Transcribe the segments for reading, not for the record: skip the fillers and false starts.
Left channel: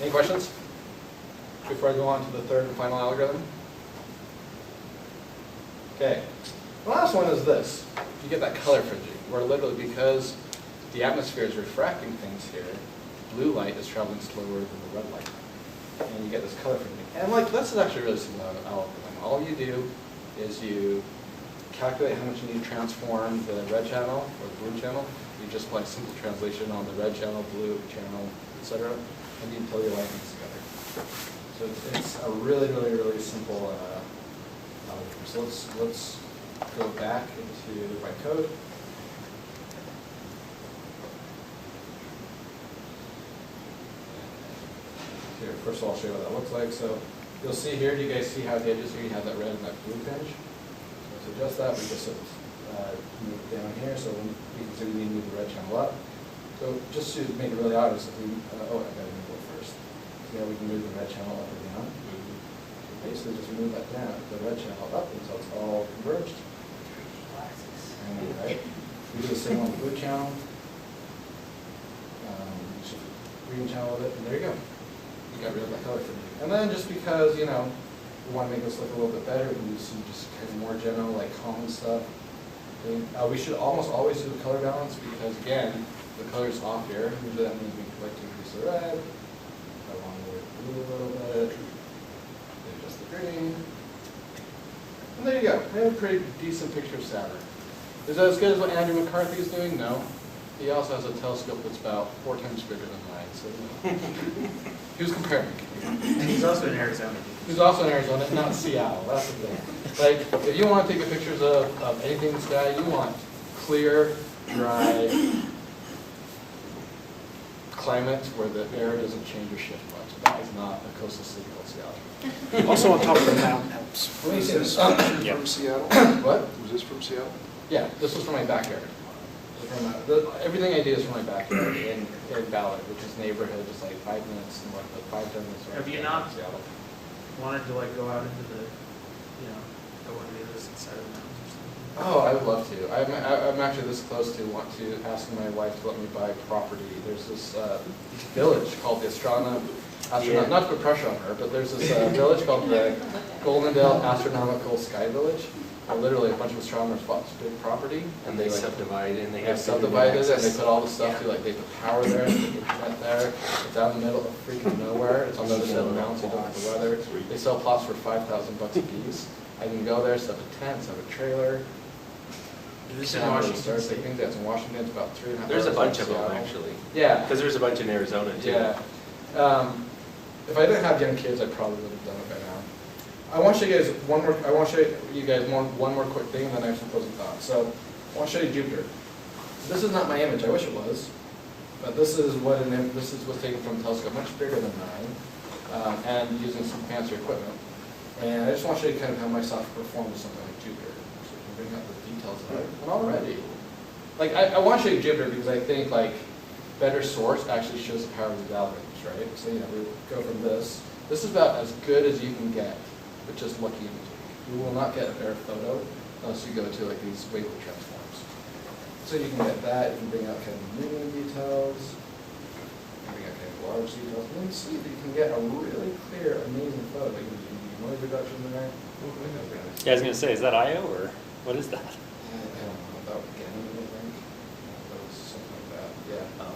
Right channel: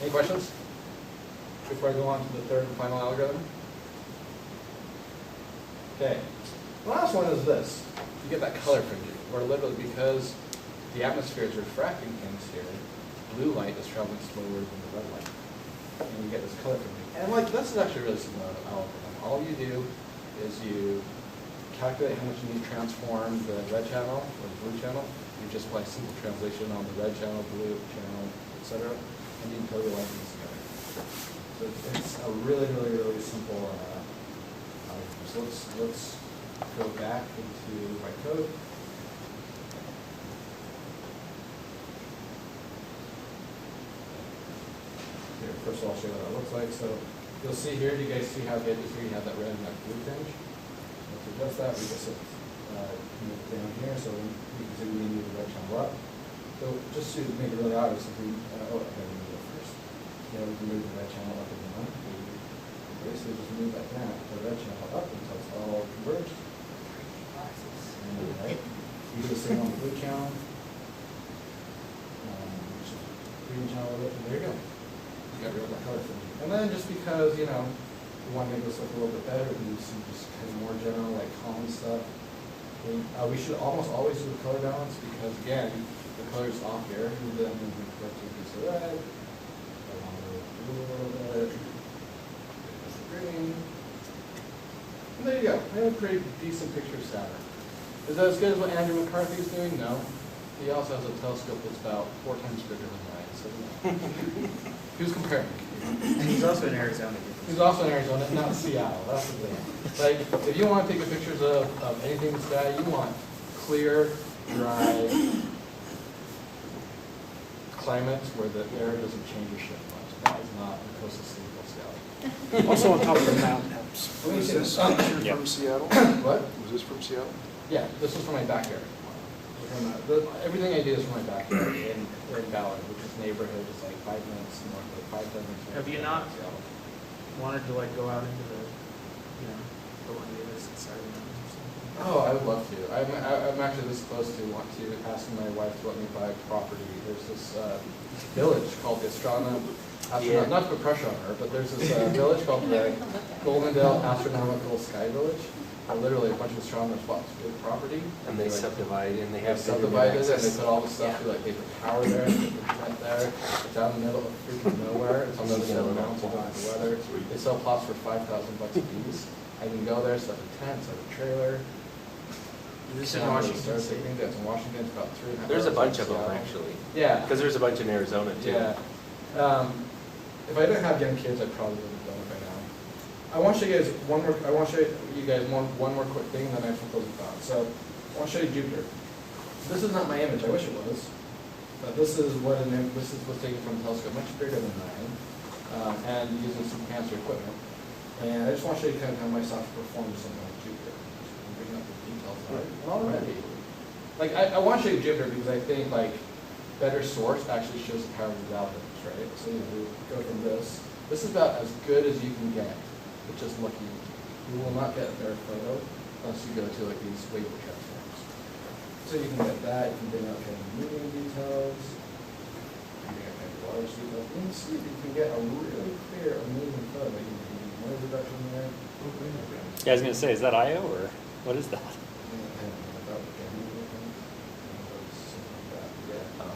Any questions before I go on to the third and final algorithm? Okay, the last one is this. You get that color fringing, where literally because the atmosphere is refracting things here, the blue light is traveling slower than the red light. And you get this color fringing. And like, this is actually a really simple algorithm. All you do is you calculate how much you need to transform the red channel or the blue channel. You just apply simple translation on the red channel, blue channel, etc. And you until you line things together. So it's a really, really, really simple algorithm. So let's go back into my code. Here, first of all, I'll show you what that looks like. So you'll see here, do you guys see how the edges here, you have that red and that blue tinge? So to adjust that, we just move down here, so we can see we need to move the red channel up. So just to make it really obvious, if we, oh, I gotta move it first. See how we can move the red channel up or down? So basically just move that down, the red channel up until it's all converged. I know, right? We do the same on the blue channel. We should do the green channel with it, and there you go. We got rid of that color fringing. And then just because, you know, we want to make this look a little bit better, we can use some just kind of more general, like common stuff. We should almost always do the color balance because, again, the color's off here. Usually that means we like to increase the red. I want to lower the blue a little bit. Maybe adjust the green. And there you go. We have a pretty decent picture of Saturn. Is that as good as what Andrew McCarthy is doing? No. He also has a telescope that's about 4 times bigger than mine, so you know. He was comparing. And he's also in Arizona. He's also in Arizona, not Seattle. That's the thing. Like, if you want to take pictures of anything in the sky, you want clear, dry climates where the air doesn't change or shift much. That is not a coastal city called Seattle. Also on top of the mountain helps. Let me see this. From Seattle? What? Was this from Seattle? Yeah, this was from my backyard. This is from everything I do is from my backyard in Ballard, which is neighborhood just like 5 minutes north of 5-10 minutes north Have you of not Seattle. wanted to like go out into the, you know, go on the other side of the mountain or something? Oh, I would love to. I'm actually this close to asking my wife to let me buy property. There's this village called the Astronomical. Yeah. Not to put pressure on her, but there's this village called the Goldendale Astronomical Sky Village. Literally, a bunch of astronomers bought this big property, And they like, subdivide, and they they have subdivided it, and they access. put all the stuff to, like, they put power there, they put internet there. It's out in the middle of freaking nowhere. It's on the other side of the mountain, so you don't have the weather. They sell plots for $5,000 a piece. I can go there, set up a tent, set up a trailer. Is this in Camera, Washington stars, State? take things. Yeah, it's in Washington. It's about 3.5 hours. There's a bunch from of them, Seattle. actually. Yeah. Because there's a bunch in Arizona, too. Yeah. If I didn't have young kids, I probably would have done it by now. I want to show you guys one more quick thing, and then I have some closing thoughts. So I want to show you Jupiter. This is not my image. I wish it was, but this is what's taken from a telescope much bigger than mine, and using some fancy equipment. And I just want to show you kind of how my software performs with something like Jupiter, so you can bring up the details of it. And already, like I want to show you Jupiter because I think like better source actually shows the power of these algorithms, right? So you know we go from this. This is about as good as you can get with just lucky imaging. You will not get a better photo unless you go to like these wavelet transforms. So you can get that, you can bring out kind of medium details, you can bring out kind of large details, and you can see that you can get a really clear, amazing photo. You can do noise reduction there. Yeah, I was going to say, is that I/O or what is that? I don't know, that would get me, I think. One of those, something like that, but yeah. Oh.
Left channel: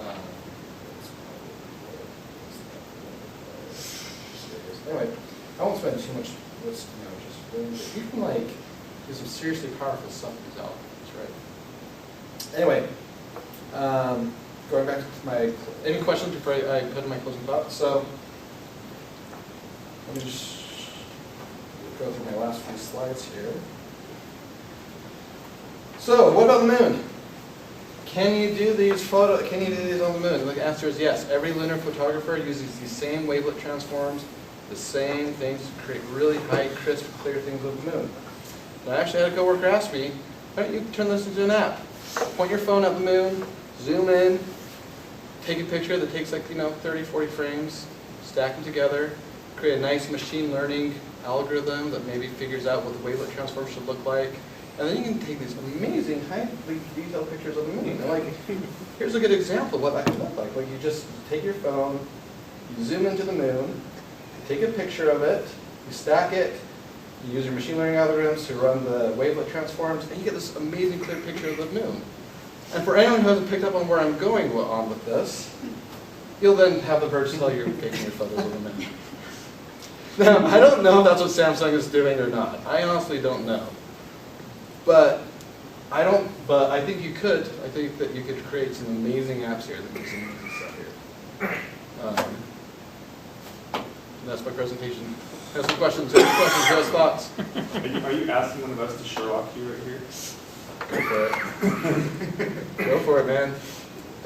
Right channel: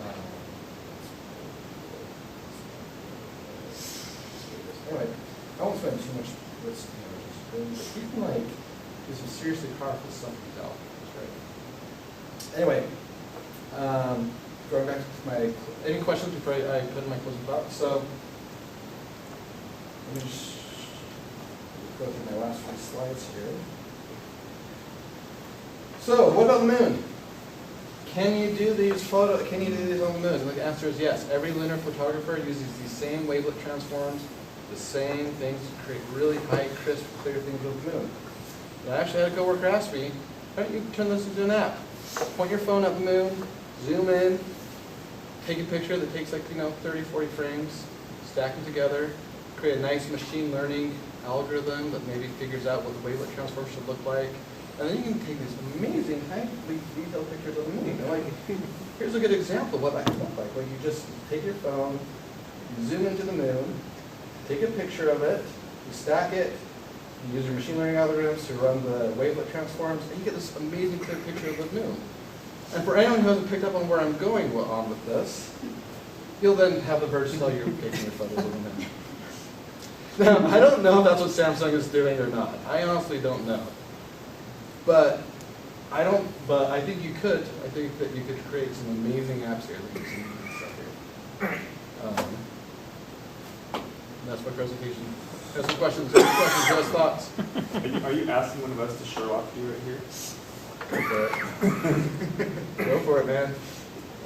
That's probably this down there. So it is. Anyway, I won't spend too much, just doing, but you can like do some seriously powerful stuff with these algorithms, right? Anyway, going back to any questions before I put in my closing thoughts? So, let me just go through my last few slides here. So, what about the moon? Can you do these Can you do these on the moon? And the answer is yes. Every lunar photographer uses these same wavelet transforms, the same things to create really high, crisp, clear things of the moon. But I actually had a coworker ask me, why don't you turn this into an app? Point your phone at the moon, zoom in, take a picture that takes like 30, 40 frames, stack them together, create a nice machine learning algorithm that maybe figures out what the wavelet transform should look like. And then you can take these amazing, highly detailed pictures of the moon. And like, here's a good example of what that could look like. Like you just take your phone, You zoom into the moon, you take a picture of it, you stack it, you use your machine learning algorithms to run the wavelet transforms, and you get this amazing clear picture of the moon. And for anyone who hasn't picked up on where I'm going on with this, you'll then have the birds tell you you're taking your photos of the moon. Now, I don't know if that's what Samsung is doing or not. I honestly don't know. But I think you could. I think that you could create some amazing apps here. There's some amazing stuff here. That's my presentation. Have some questions. Have questions. Have thoughts. Are you asking one of us to Sherlock you right here? Go for it. Go for it, man.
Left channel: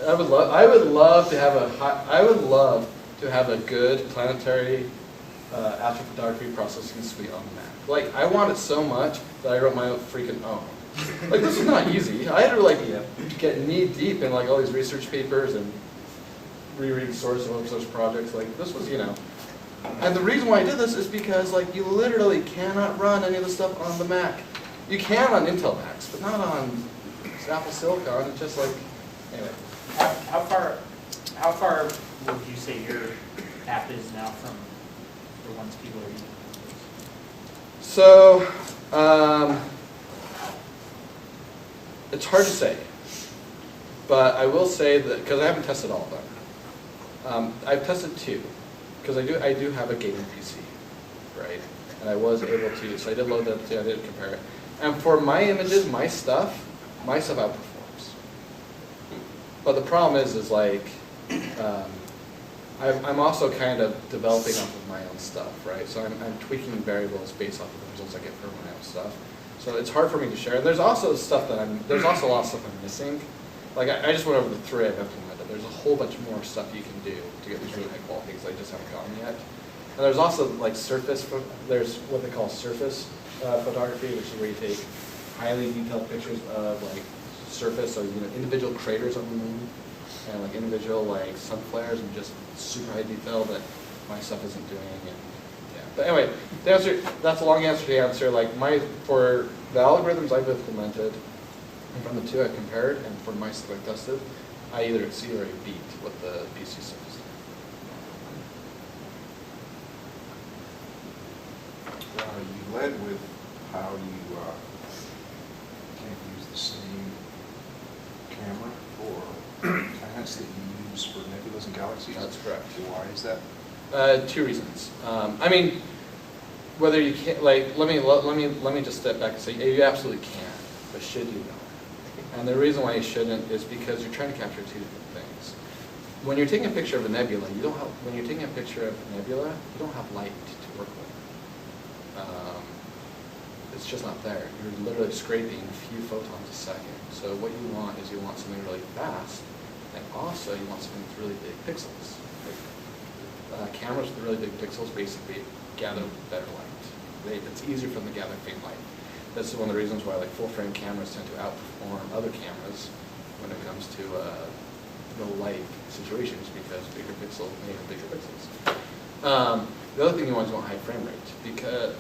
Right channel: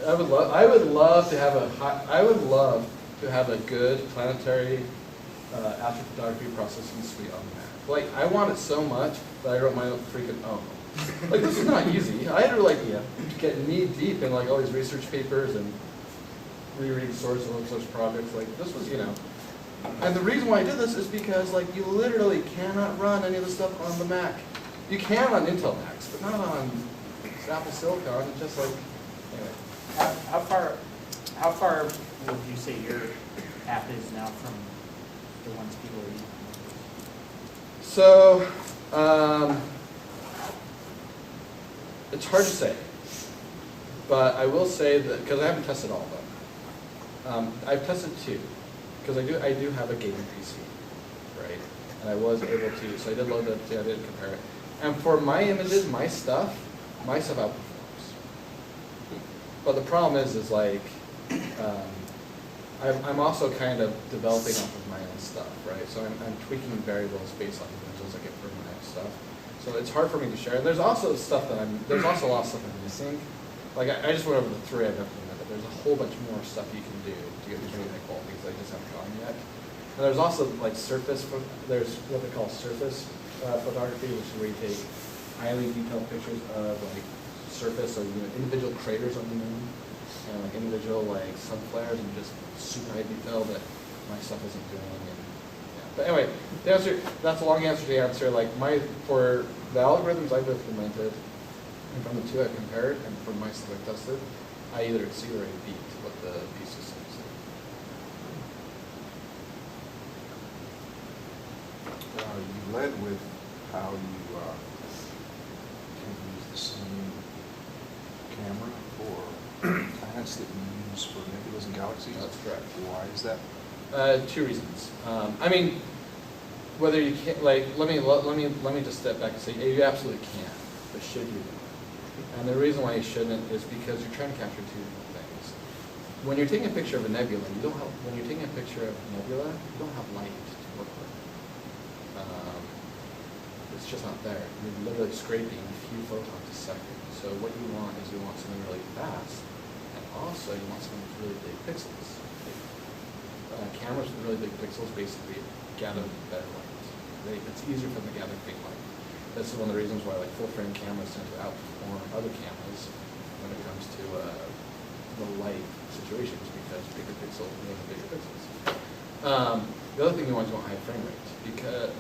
I would love to have a good planetary astrophotography processing suite on the Mac. Like, I want it so much that I wrote my own freaking own. Like, this is not easy. I had to get knee deep in like all these research papers and reread source of such projects. Like, this was, and the reason why I did this is because like you literally cannot run any of the stuff on the Mac. You can on Intel Macs, but not on Apple Silicon. It's just like, anyway. How far would you say your app is now from the ones people are using on Windows? So, it's hard to say, but I will say that, because I haven't tested all of them. I've tested 2, because I do have a gaming PC, right? And I was able to, so I did load that, I did compare it. And for my images, my stuff outperforms. But the problem is like, I'm also kind of developing off of my own stuff, right? So I'm tweaking variables based off of the results I get from my own stuff. So it's hard for me to share. And there's also stuff that there's also a lot of stuff I'm missing. Like I just went over the 3 I've implemented. There's a whole bunch more stuff you can do to get these really high quality things that I just haven't gotten yet. And there's also like there's what they call surface photography, which is where you take highly detailed pictures of like surface or individual craters on the moon and like individual like sun flares and just super high detail that my stuff isn't doing. And yeah, but anyway, that's a long answer to the answer. Like for the algorithms I've implemented and from the 2 I've compared and for my stuff I've tested, I either exceed or I beat what the PC stuff is doing. You led with how you can't use the same camera for planets that you use for nebulas and galaxies. That's correct. Why is that? 2 reasons. I mean, whether you can, like, let me just step back and say, you absolutely can, but should you don't? And the reason why you shouldn't is because you're trying to capture 2 different things. When you're taking a picture of a nebula, when you're taking a picture of a nebula, you don't have light to work with. It's just not there. You're literally scraping a few photons a second. So what you want is you want something really fast, and also you want something with really big pixels. Cameras with really big pixels basically gather better light. It's easier for them to gather faint light. This is one of the reasons why like full frame cameras tend to outperform other cameras when it comes to the light situations because they have bigger pixels. The other thing you want is high frame rate because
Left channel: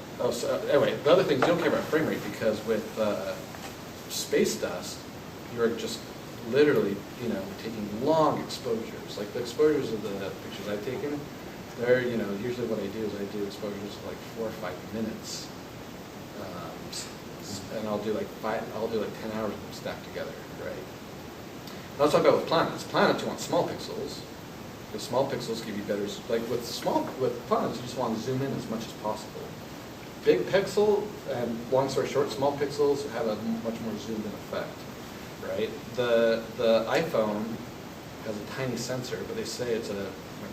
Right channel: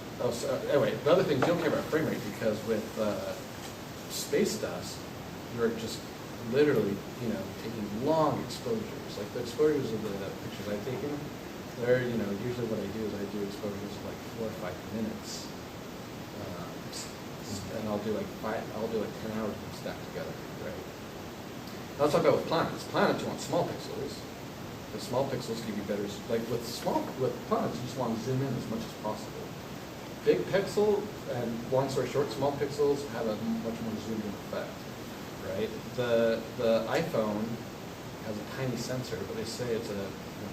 anyway, the other thing is you don't care about frame rate because with space dust, you're just literally taking long exposures. Like the exposures of the pictures I've taken, they're usually what I do is I do exposures of like 4 or 5 minutes, and I'll do like 10 hours of them stacked together, right? Now let's talk about with planets. Planets you want small pixels. Because small pixels give you better, like with planets, you just want to zoom in as much as possible. Big pixel, and long story short, small pixels have a much more zoomed in effect, right? The iPhone has a tiny sensor, but they say it's a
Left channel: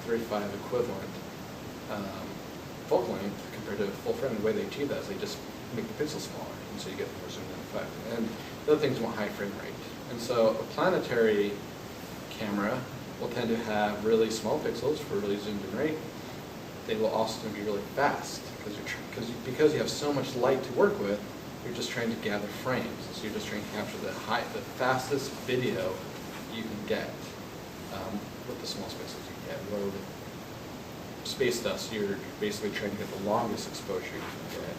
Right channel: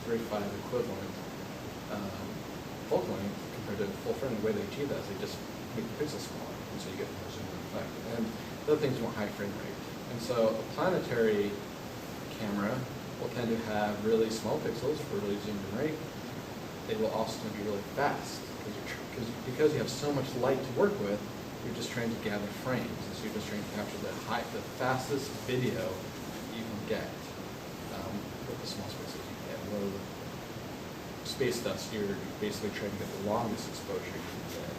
35 equivalent focal length compared to full frame. The way they achieve that is they just make the pixel smaller, and so you get more zoomed in effect. And the other things want high frame rate. And so a planetary camera will tend to have really small pixels for really zoomed in rate. They will also be really fast because you have so much light to work with. You're just trying to gather frames, and so you're just trying to capture the fastest video you can get with the smallest pixels you can get. Where with space dust, you're basically trying to get the longest exposure you can get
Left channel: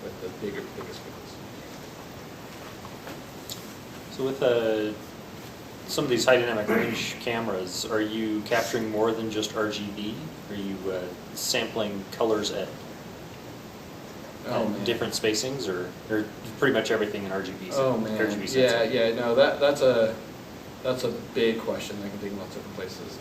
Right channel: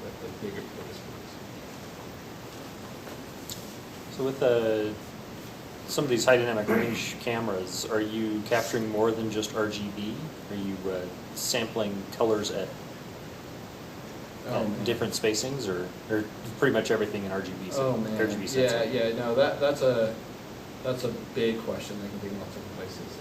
with the biggest pixels you can. So with the some of these high dynamic range cameras, are you capturing more than just RGB? Are you sampling colors at different spacings, or pretty much everything in RGB? Oh man, RGB yeah, sensing? yeah, no, that's a big question that can take in lots of different places.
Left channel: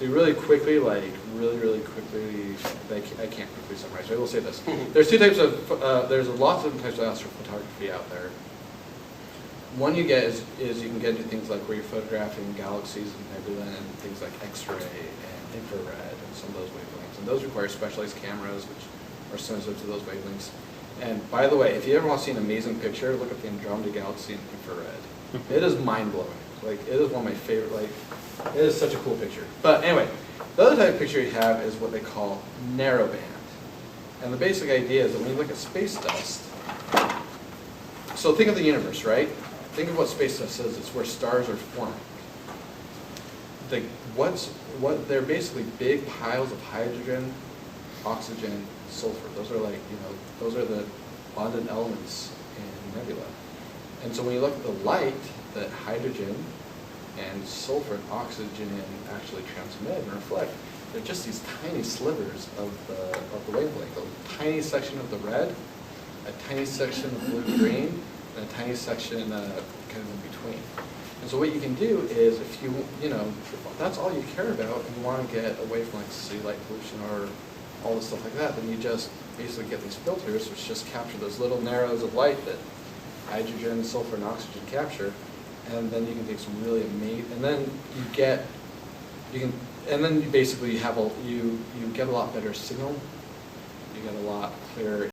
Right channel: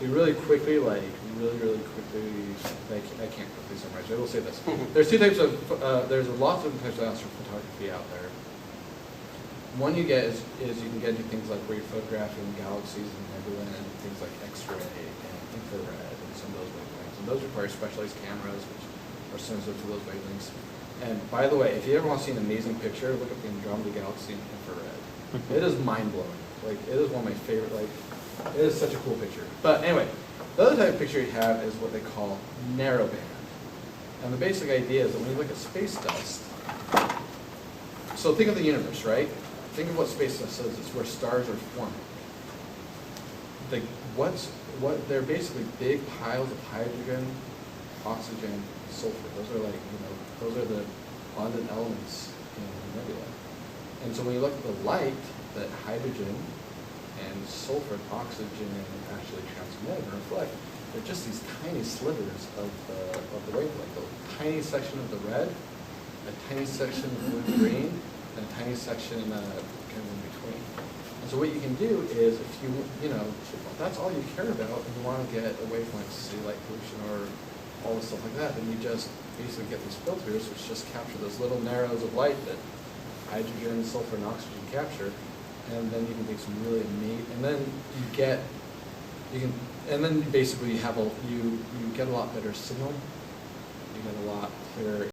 To really quickly, really quickly, I can't quickly summarize, but I will say this. There's two types of, there's lots of different types of astrophotography out there. One you get is you can get into things like where you're photographing galaxies and nebula and things like X-ray and infrared and some of those wavelengths. And those require specialized cameras which are sensitive to those wavelengths. And by the way, if you ever want to see an amazing picture, look at the Andromeda Galaxy in infrared. It is mind-blowing. Like, it is one of my favorite, like, it is such a cool picture. But anyway, the other type of picture you have is what they call narrowband. And the basic idea is that when you look at space dust, so think of the universe, right? Think of what space dust is. It's where stars are forming. They're basically big piles of hydrogen, oxygen, and sulfur. Those are like, those are the abundant elements in nebula. And so when you look at the light that hydrogen and sulfur and oxygen actually transmit and reflect, they're just these tiny slivers of the wavelength. A tiny section of the red, a tiny section of blue-green, and a tiny section kind of in between. And so what you can do is if if that's all you care about and you want to get away from like city light pollution or all this stuff like that, then you just basically get these filters which just capture those little narrows of light that hydrogen, sulfur, and oxygen capture, and then you can take some really amazing, and then you basically have you get a lot better signal, you get a lot clearer